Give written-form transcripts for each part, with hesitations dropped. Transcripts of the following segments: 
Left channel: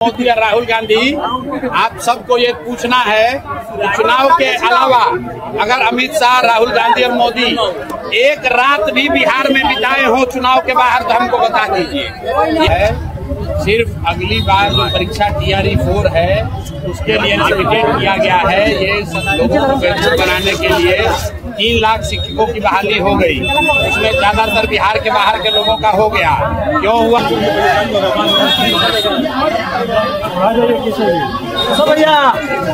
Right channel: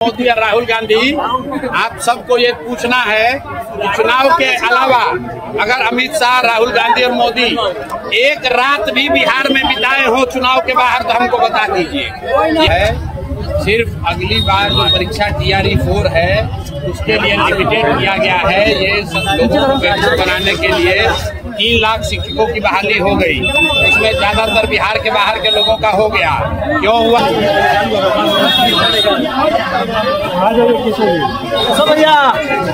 मोदी और राहुल गांधी, आप सबको ये पूछना है कि चुनाव के अलावा अगर अमित शाह, राहुल गांधी और मोदी एक रात भी बिहार में बिताए हो चुनाव के बाहर तो हमको बता दीजिए। सिर्फ अगली बार जो परीक्षा TRE 4 है उसके लिए लिमिटेड किया गया है। ये सब लोगों को बेहतर बनाने के लिए 3 लाख शिक्षकों की बहाली हो गई, उसमें ज्यादातर बिहार के बाहर के लोगों का हो गया। क्यों हुआ?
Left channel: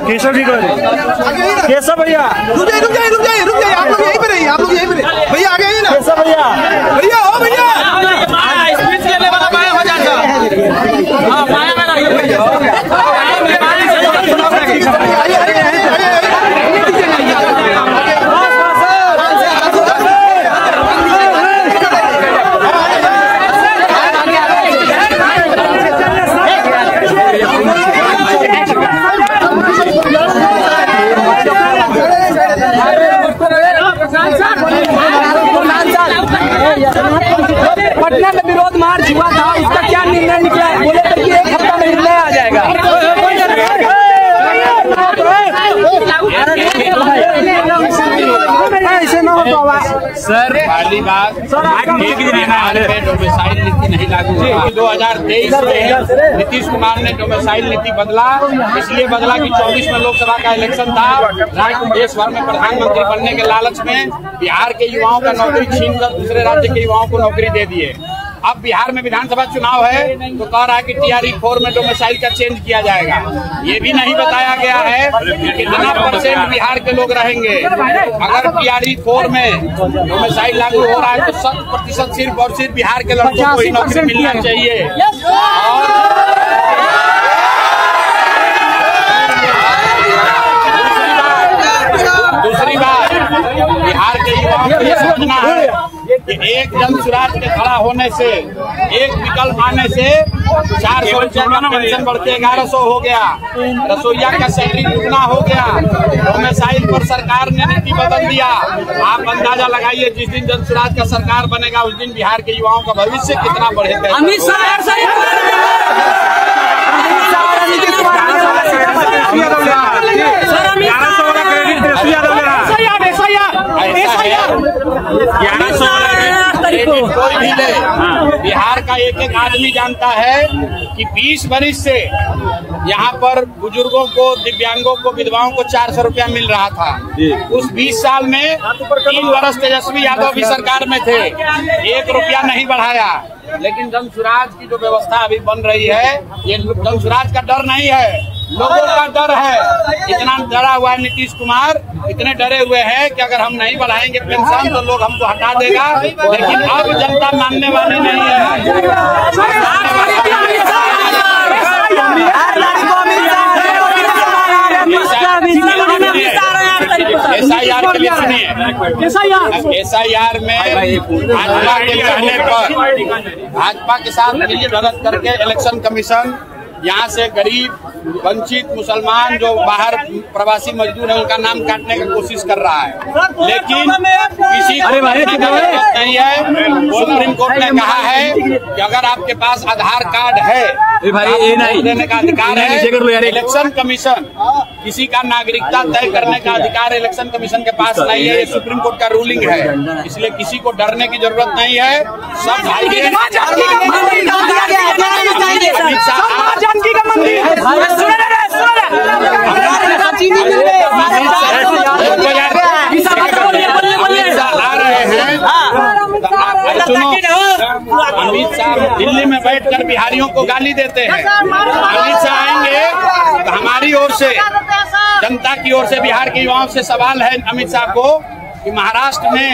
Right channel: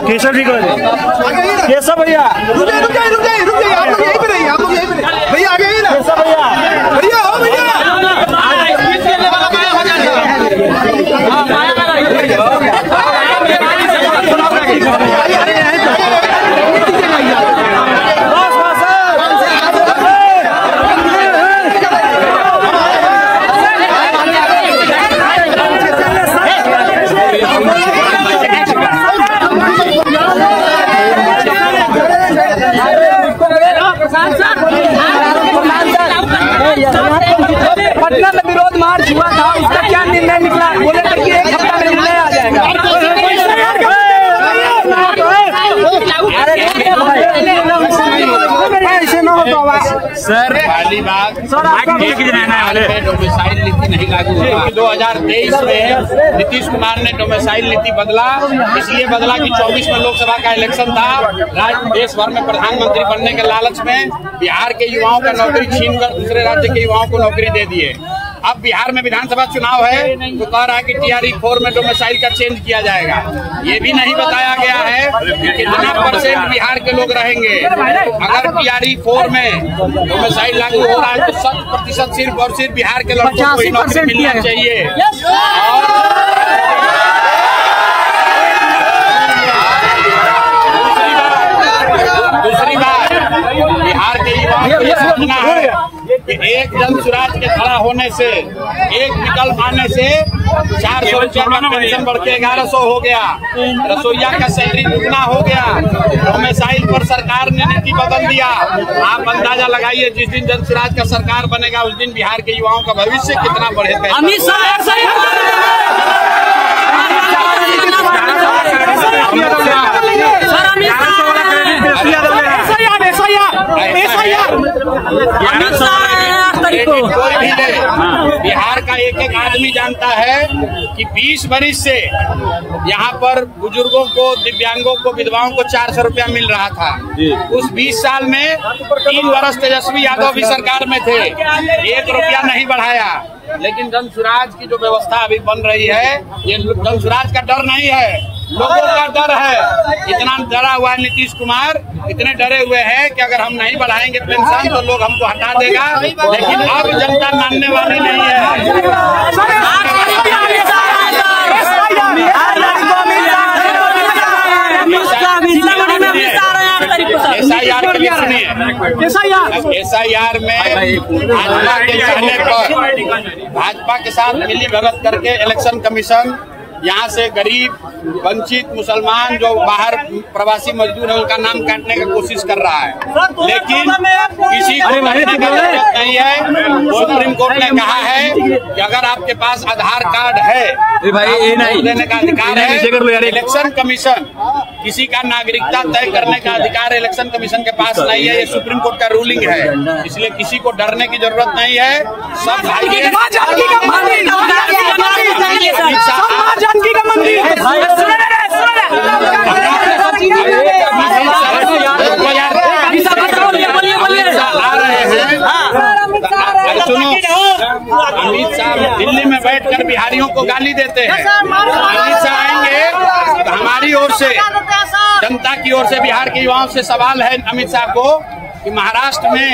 केशव जी केशव भैया रुक जाइए आप लोग यहीं पे रहिए, आप लोग यहीं पे रहिए भैया, आगे ही ना केशव भैया आओ भैया पटना में विरोध मार्च हुआ था, उसका क्या निर्णय निकला? बोले थे कि 1 हफ्ता में निर्णय आ जाएगा। सर, पहली बात बिहार में डोमिसाइल नीति नहीं लागू हुआ। 2023 में नीतीश कुमार ने डोमिसाइल नीति बदला, इसलिए बदला कि 24 में लोकसभा का इलेक्शन था। देश भर में प्रधानमंत्री बनने के लालच में बिहार के युवाओं का नौकरी छीनकर दूसरे राज्य के युवाओं को नौकरी दे दिए। अब बिहार में विधानसभा चुनाव है तो कह रहा है कि TRE 4 में डोमिसाइल का चेंज किया जाएगा। ये भी नहीं बताया गया है कि कितना % बिहार के लोग रहेंगे। अगर TRE 4 में डोमिसाइल लागू हो रहा है तो 100% सिर्फ और सिर्फ बिहार के लड़कों को ही नौकरी मिलना चाहिए। और दूसरी बात बिहार के युवाओं को ये समझना है कि एक जन सुराज के खड़ा होने से, एक विकल्प आने से 400 रुपया का पेंशन बढ़ के 1100 हो गया, रसोईया का सैलरी दुगना हो गया, डोमिसाइल पर सरकार ने नीति बदल दिया। आप अंदाजा लगाइए जिस दिन जन सुराज का सरकार बनेगा उस दिन बिहार के युवाओं का भविष्य कितना बढ़े। ऐसा है 1100 क्रेडिट कोई भी ले, बिहार का एक एक आदमी जानता है कि 20 बरिस से यहाँ पर बुजुर्गों को, दिव्यांगों को, विधवाओं को 400 रुपया मिल रहा था। उस 20 साल में 3 वर्ष तेजस्वी यादव भी सरकार में थे, 1 रुपया नहीं बढ़ाया। लेकिन जन सुराज की जो व्यवस्था अभी बन रही है, ये जन सुराज का डर नहीं है, लोगों का डर है। इतना डरा हुआ है नीतीश कुमार, इतने डरे हुए हैं कि अगर हम नहीं बढ़ाएंगे पेंशन तो लोग हमको हटा देगा। लेकिन अब जनता मानने वाली नहीं है, SIR के लिए सुनिए। SIR में भाजपा के कहने पर भाजपा के साथ मिली भगत करके इलेक्शन कमीशन यहाँ से गरीब, वंचित, मुसलमान जो बाहर प्रवासी मजदूर है उनका नाम काटने का कोशिश कर रहा है। लेकिन किसी को करने की जरूरत नहीं है। सुप्रीम कोर्ट ने कहा है कि अगर आपके पास आधार कार्ड है वोट देने का अधिकार है। इलेक्शन कमीशन किसी का नागरिकता तय करने का अधिकार इलेक्शन कमीशन के पास नहीं है। ये सुप्रीम कोर्ट का रूलिंग है, इसलिए किसी को डरने की जरूरत नहीं है। सब भाई अमित शाह आ रहे हैं। सुनो, अमित शाह दिल्ली में बैठकर बिहारियों को गाली देते हैं। अमित शाह आएंगे तो हमारी ओर से, जनता की ओर से, बिहार के युवाओं से सवाल है अमित शाह को कि महाराष्ट्र में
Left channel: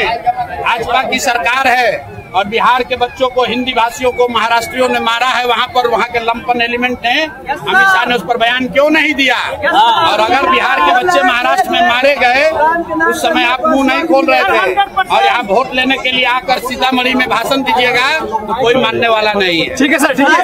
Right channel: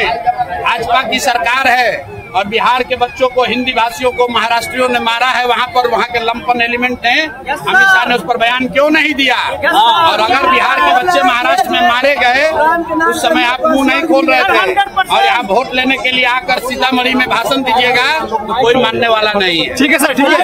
भाजपा की सरकार है और बिहार के बच्चों को, हिंदी भाषियों को महाराष्ट्रियों ने मारा है, वहाँ पर वहाँ के लंपन एलिमेंट ने, अमित शाह ने उस पर बयान क्यों नहीं दिया? और अगर बिहार के बच्चे महाराष्ट्र में मारे गए उस समय आप मुंह नहीं खोल रहे थे, और यहाँ वोट लेने के लिए आकर सीतामढ़ी में भाषण दीजिएगा तो कोई मानने वाला नहीं है। ठीक है सर, ठीक है।